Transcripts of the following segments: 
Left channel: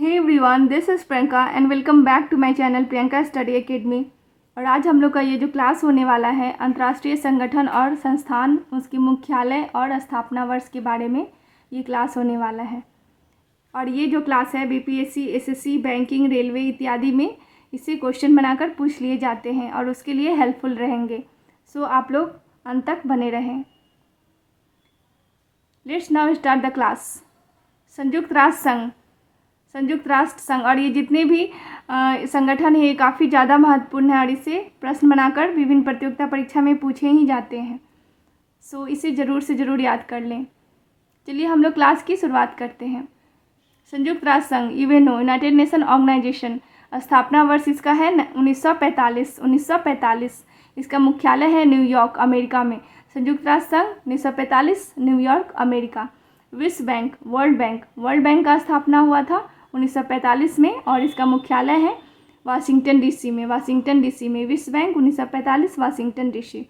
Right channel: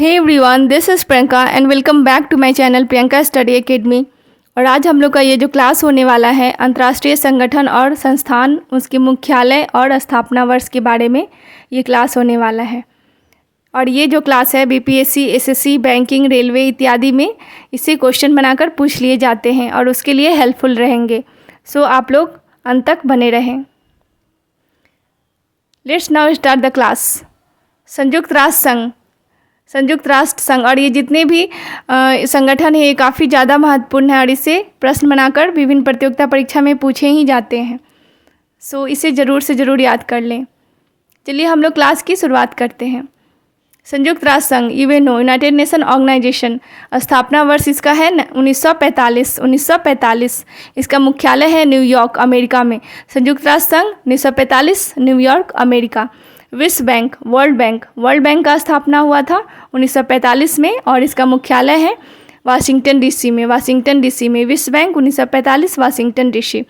Hey everyone, this is Priyanka and welcome back to my channel Priyanka study academy. और आज हम लोग का ये जो क्लास होने वाला है अंतर्राष्ट्रीय संगठन और संस्थान, उसके मुख्यालय और स्थापना वर्ष के बारे में ये क्लास होने वाला है। और ये जो क्लास है बीपीएससी, एसएससी, बैंकिंग, रेलवे इत्यादि में इससे क्वेश्चन बनाकर पूछ लिए जाते हैं और उसके लिए हेल्पफुल रहेंगे। सो आप लोग अंत तक बने रहें। Let's now start the class. संयुक्त राष्ट्र संघ और ये जितने भी संगठन है ये काफ़ी ज़्यादा महत्वपूर्ण है और इसे प्रश्न बनाकर विभिन्न प्रतियोगिता परीक्षा में पूछे ही जाते हैं। सो इसे ज़रूर से ज़रूर याद कर लें। चलिए हम लोग क्लास की शुरुआत करते हैं। संयुक्त राष्ट्र संघ, यूएनओ, यूनाइटेड नेशन ऑर्गेनाइजेशन, स्थापना वर्ष इसका है 1945। इसका मुख्यालय है न्यूयॉर्क, अमेरिका में। संयुक्त राष्ट्र संघ 1945, न्यूयॉर्क, अमेरिका। विश्व बैंक, वर्ल्ड बैंक का स्थापना हुआ था 1945 में और इसका मुख्यालय है वाशिंगटन डीसी में। विश्व बैंक 1945, वाशिंगटन डीसी।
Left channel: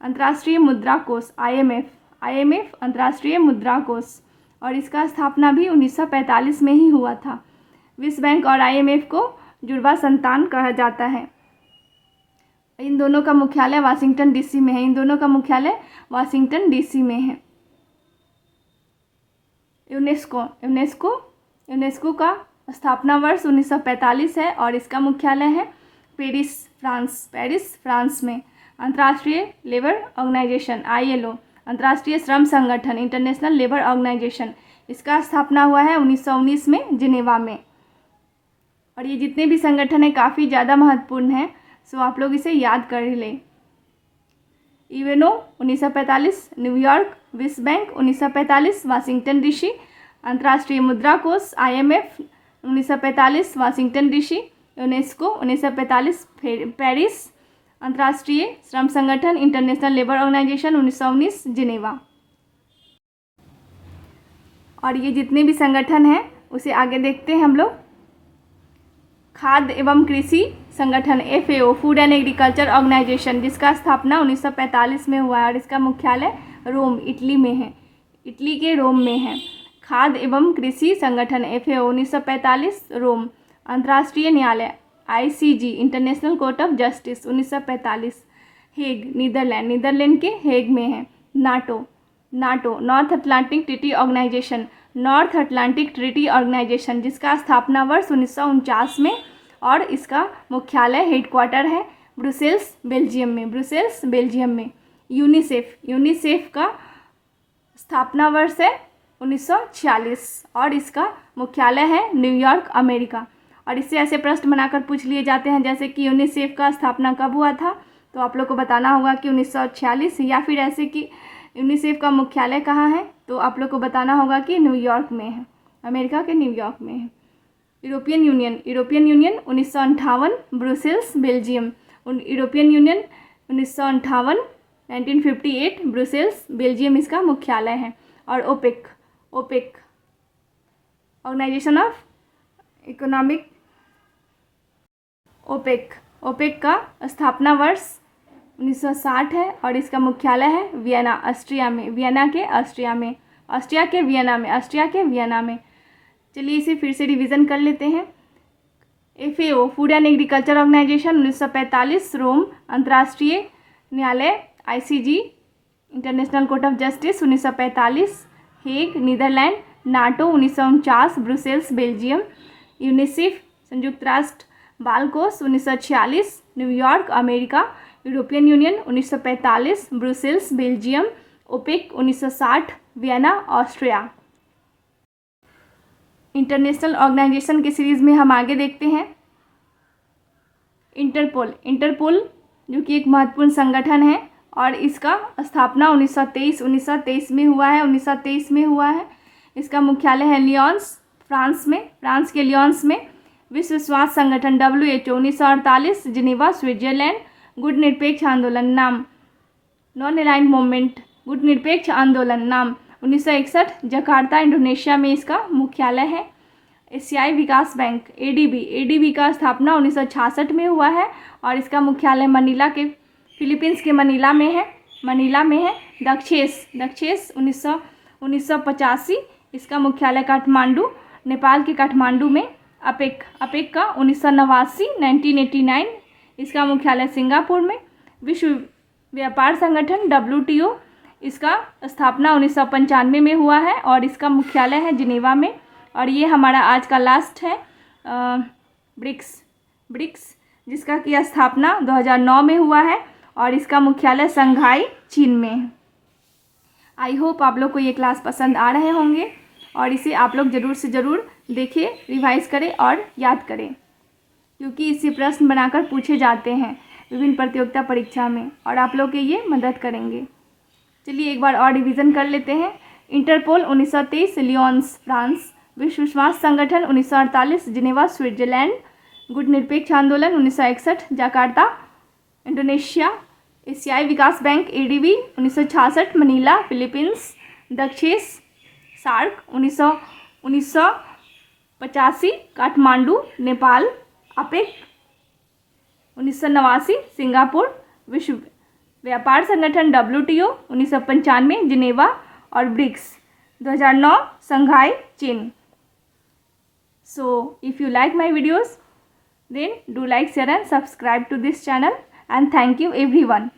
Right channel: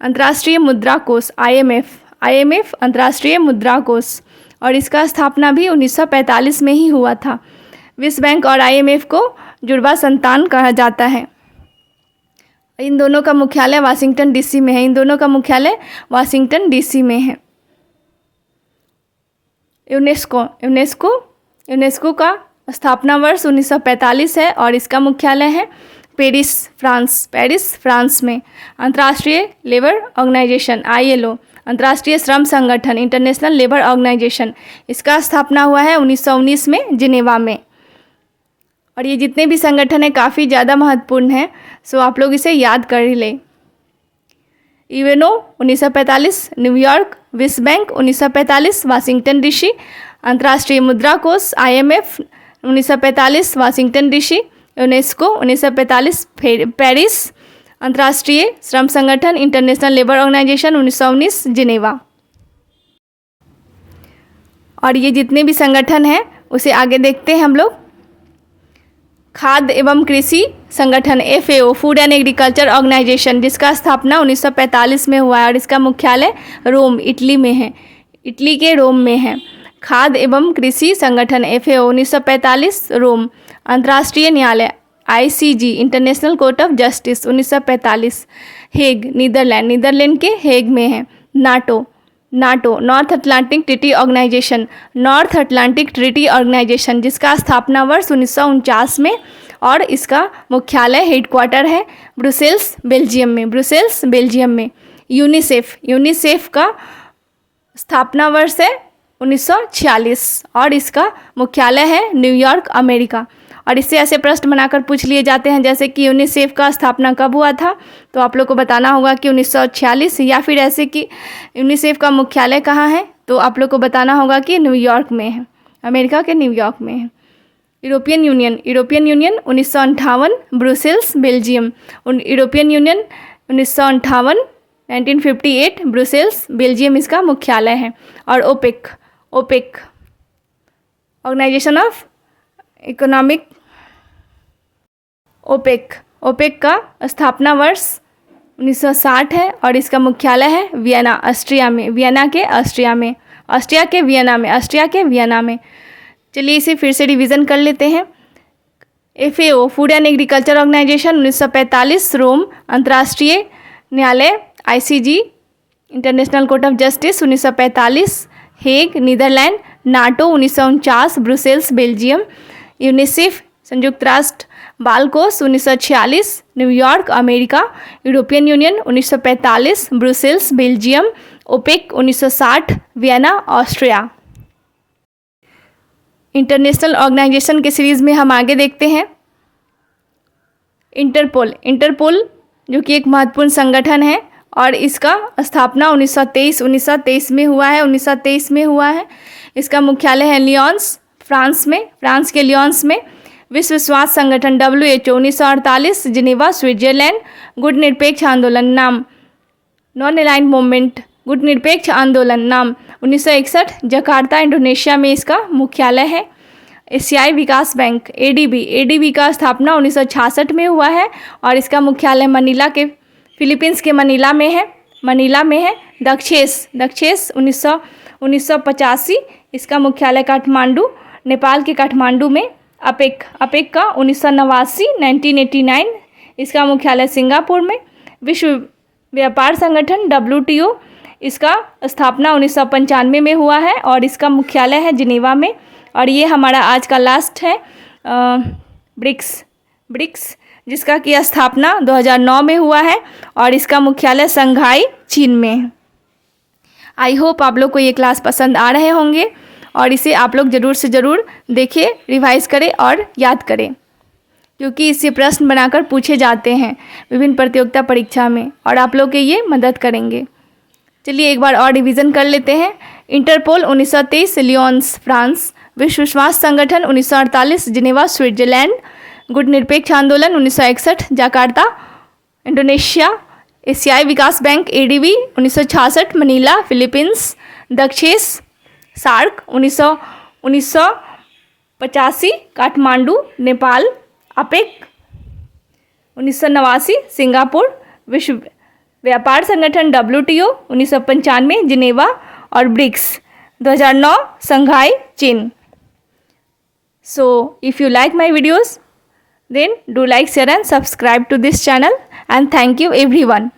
अंतर्राष्ट्रीय मुद्रा कोष, आईएमएफ अंतर्राष्ट्रीय मुद्रा कोष और इसका स्थापना भी 1945 में ही हुआ था। विश्व बैंक और आईएमएफ को जुड़वा संतान कहा जाता है। इन दोनों का मुख्यालय वाशिंगटन डीसी में है। यूनेस्को का स्थापना वर्ष 1945 है और इसका मुख्यालय है पेरिस, फ्रांस में। अंतर्राष्ट्रीय लेबर ऑर्गेनाइजेशन, आईएलओ, अंतर्राष्ट्रीय श्रम संगठन, इंटरनेशनल लेबर ऑर्गेनाइजेशन, इसका स्थापना हुआ है 1919 में जिनेवा में। और ये जितने भी संगठन हैं काफ़ी ज़्यादा महत्वपूर्ण हैं, सो आप लोग इसे याद कर ही लें। UNO 1945, New York. विश्व बैंक 1945, वाशिंगटन डीसी। अंतर्राष्ट्रीय मुद्रा कोष, IMF 1945, Washington DC. UNESCO 1945, Paris. अंतर्राष्ट्रीय श्रम संगठन, इंटरनेशनल लेबर ऑर्गेनाइजेशन 1919, जिनेवा। और ये जितने भी संगठन हैं उसे आगे देखते हैं हम लोग। खाद्य एवं कृषि संगठन, FAO, food and agriculture organization, जिसका स्थापना 1945 में हुआ है और इसका मुख्यालय रोम, इटली के रोम में है। खाद्य एवं कृषि संगठन एफएओ 1945, रोम। अंतर्राष्ट्रीय न्यायालय ICG, international court of justice 1945, Hague, Netherland के हेग में है। NATO, North Atlantic treaty organization, जिसका स्थापना वर्ष 1949 में और इसका मुख्यालय हेडक्वार्टर है ब्रुसेल्स, बेल्जियम में। यूनिसेफ का स्थापना वर्ष है 1946 और इसका मुख्यालय है न्यूयॉर्क, अमेरिका। और इससे ऐसे प्रश्न बनाकर पूछ लिए जाते हैं जैसे कि यूनिसेफ का स्थापना कब हुआ था, तो आप लोग को बताना होगा कि 1946, या फिर ऐसे कि यूनिसेफ का मुख्यालय कहाँ है, तो आप लोग को बताना होगा कि न्यूयॉर्क में है, अमेरिका के न्यूयॉर्क में है। European union 1958, Brussels, Belgium. European union 1958, 1958, Brussels, Belgium इसका मुख्यालय है। और OPEC, organization of economic, OPEC का स्थापना वर्ष 1960 है और इसका मुख्यालय है वियना, ऑस्ट्रिया के वियना में। चलिए इसे फिर से रिवीजन कर लेते हैं। FAO, food and agriculture organization 1945, Rome. अंतर्राष्ट्रीय न्यायालय ICG, international court of justice 1945, Hague, Netherland. NATO 1949, Brussels, Belgium. UNICEF, संयुक्त राष्ट्र बाल कोष 1946, New York, America. European union 1945, Brussels, Belgium. OPEC 1960, Vienna, Austria. International organization के सीरीज़ में हम आगे देखते हैं। इंटरपोल जो कि एक महत्वपूर्ण संगठन है और इसका स्थापना 1923 में हुआ है। इसका मुख्यालय है लियोन्स, फ्रांस के लियोन्स में। विश्व स्वास्थ्य संगठन WHO 1948, जिनेवा, स्विट्जरलैंड। गुट निरपेक्ष आंदोलन नाम, नॉन अलाइन्ड मूवमेंट, गुट निरपेक्ष आंदोलन नाम 1961, जकार्ता, इंडोनेशिया में इसका मुख्यालय है। एशियाई विकास बैंक, ADB का स्थापना 1966 में हुआ है और इसका मुख्यालय फिलीपींस के मनीला में है। दक्षेस 1985, इसका मुख्यालय काठमांडू, नेपाल के काठमांडू में। अपेक, अपेक का 1989 1989, इसका मुख्यालय सिंगापुर में। विश्व व्यापार संगठन WTO, इसका स्थापना 1995 में हुआ है और इसका मुख्यालय है जिनेवा में। और ये हमारा आज का लास्ट है ब्रिक्स, ब्रिक्स जिसका की स्थापना 2009 में हुआ है और इसका मुख्यालय शंघाई चीन में है। आई होप आप लोग को ये क्लास पसंद आ रहे होंगे और इसे आप लोग ज़रूर से ज़रूर देखें, रिवाइज करें और याद करें, क्योंकि इससे प्रश्न बनाकर पूछे जाते हैं विभिन्न प्रतियोगिता परीक्षा में और आप लोग के ये मदद करेंगे। चलिए एक बार और रिवीजन कर लेते हैं। इंटरपोल 1923 लियोन्स फ्रांस, विश्व स्वास्थ्य संगठन 1948 जिनेवा स्विट्जरलैंड, गुट निरपेक्ष आंदोलन 1961 जकार्ता इंडोनेशिया, एशियाई विकास बैंक ADB 1966 मनीला फिलीपींस, दक्षेश SAARC 1985 Kathmandu Nepal, APEC 1989 Singapore, विश्व व्यापार संगठन WTO 1995 जिनेवा और BRICS 2009 Shanghai China. So if you like my videos, then do like, share and subscribe to this channel, and thank you everyone.